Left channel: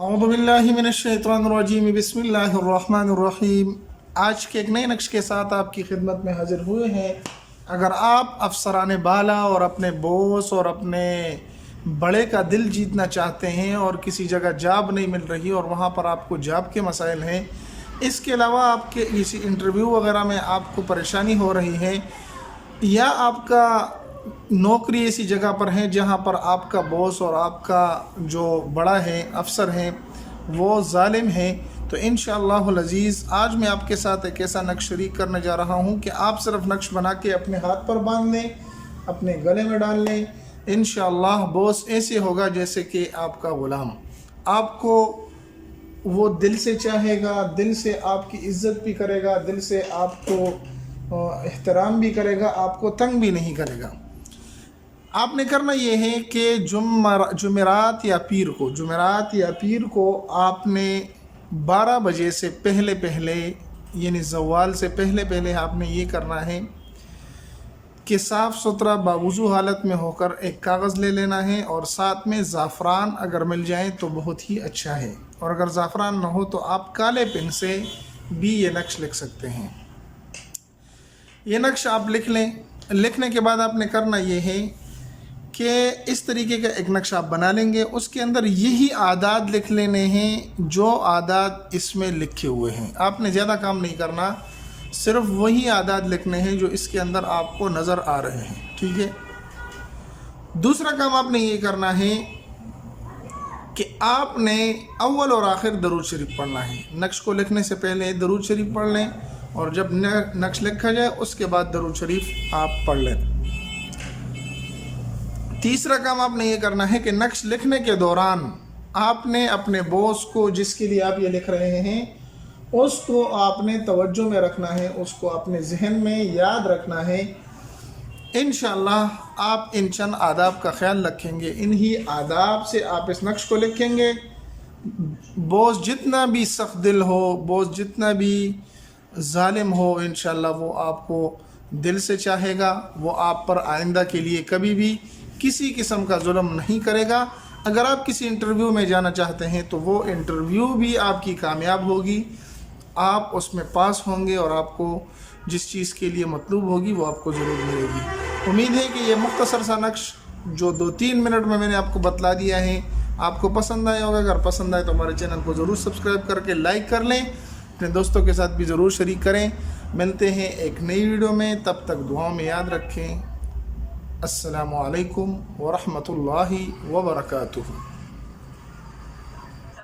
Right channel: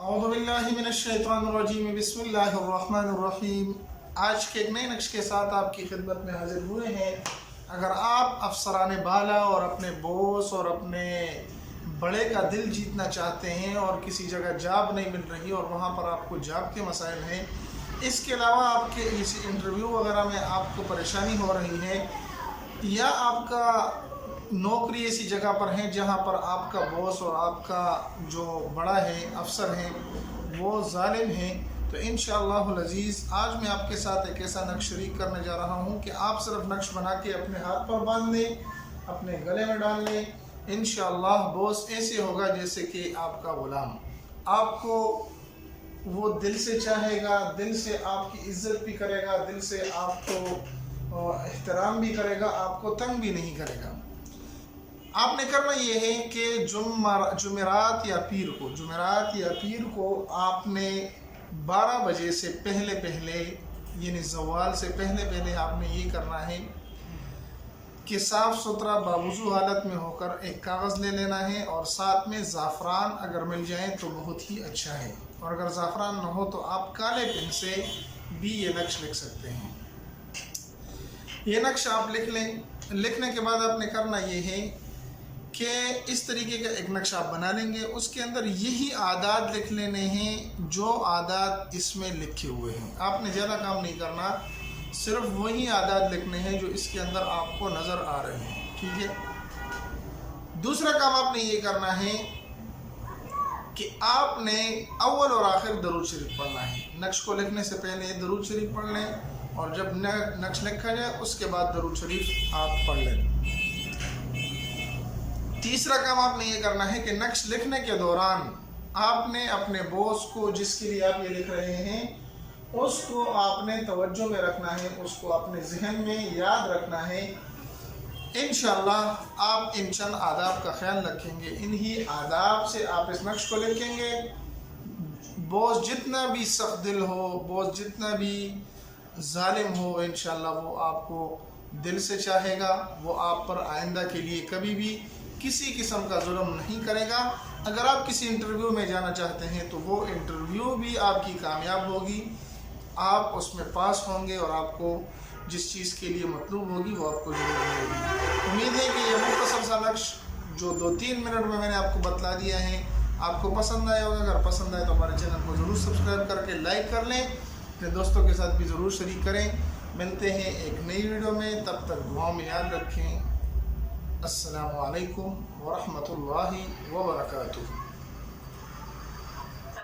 औज़ु बिल्लाहि मिनश्शैतानिर्रजीम बिस्मिल्लाहिर्रहमानिर्रहीम। आज के एक नए नक्श के साथ आपकी खिदमत में हाजिर हुए हैं। अगर आप अफसरान बाला और अपने बॉस और अपने बड़े का दिल जीतना चाहते हैं और किसी जगह जॉब नहीं मिल रही और वहाँ पर आपको जॉब के मसाइल हैं, इसके अलावा आपके इसी इंटरव्यू वगैरह में आपको परेशानी हो रही है, या आपका नौकरी ऐसी जगह पर है जहाँ पर आपका बॉस और आपका जो बड़ा है अफसर है वो जालिम है, तो इंशाअल्लाहुल अज़ीज़ आज मैं आपके साथ एक ऐसा नक्श शरीक करने जा रहा हूँ कि आप सिर्फ नक्श बना के अपने हाथ पर बांध लें, अपने गले में डाल लें। इंशाअल्लाह बॉस ऐसे होगा जैसे कि आपका गुलाम, आपको वो दिल से चाहेगा, दिल से आपकी इज़्ज़त भी करेगा, दिल से आपको एहतराम भी करेगा, आपको तंग भी नहीं करेगा। आपने करना ये है कि जुमेरात या पीर को आपने 12 बजे से पहले यानी ज़वाल से पहले आपने ये करना है कि साफ़ सुथरा बावुज़ू हालत में होकर एक कागज़ ले लेना है और साथ में ज़ाफ़रान अगर मिल जाए तो बहुत ही अच्छा है, और अगर ज़ाफ़रान न हो तो आप काले पेन से भी ये नक्श लिख सकते हैं। ये नक्श आप लिख लें। लिखने के बाद आपने करना ये है कि इस तरीके का एक नक्शा आप बना लेंगे, उसके अंदर यही आदात लिख लेने हैं जो आदात इसमें लिखे हुए हैं। आपने ज़्यादा काम नहीं करना, सिर्फ वही आदात लिखने हैं जो इसके अंदर आपको नज़र आ रहे हैं, ठीक है। दूसरा काम आपने ये करना है कि आपने अव्वल और आखिर दरूद शरीफ पढ़ना है। नक्श को लिखने से पहले दरूद शरीफ पढ़ लें और जब नक्श लिखा जाए उसके बाद दरूद शरीफ आप पढ़ लें। तीसरा काम आपने ये करना है कि नक्श लिखने के दौरान आपने अपने बॉस को जिसके लिए आप ये लिख रहे हैं उसको आपने तवज्जो में रखना है, उसको अपने जहन में याद रखना है। इंशाअल्लाह आप इन चंद आदाब का ख्याल रखेंगे, इन्हीं आदाब से आप इस नक्श को लिखेंगे। बॉस जितना भी सख्त दिल हो, बॉस जितना भी जालिम हो, इंशाअल्लाह वो आपको दिल से चाहेगा, वो आप पर आइंदा के लिए कभी भी किसी किस्म का जुल्म नहीं करेगा। अगर आप किसी इंटरव्यू में जाना चाहते हैं तो वो इंटरव्यू भी आपकी कामयाब होगी, आप उसमें पास होंगे और आपको जिस चीज़ के लिए मतलूब होगी वो आपको ज़रूर मिलेगी। उम्मीद है कि ये मुख्तसर सा नक्श जो 2-3 मिनट में मैंने आपको बतला दिया है आपको पसंद आया होगा। अगर पसंद आए तो हमारे चैनल को ज़रूर सब्सक्राइब करके लाइक कर लें, अपने दोस्तों के साथ भी ज़रूर शरीक करें। मिलते हैं एक नई वीडियो में, तब तक दुआओं में याद रखें। अस्सलामु अलैकुम व रहमतुल्लाहि व बरकातुहू।